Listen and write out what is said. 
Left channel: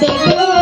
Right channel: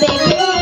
baby.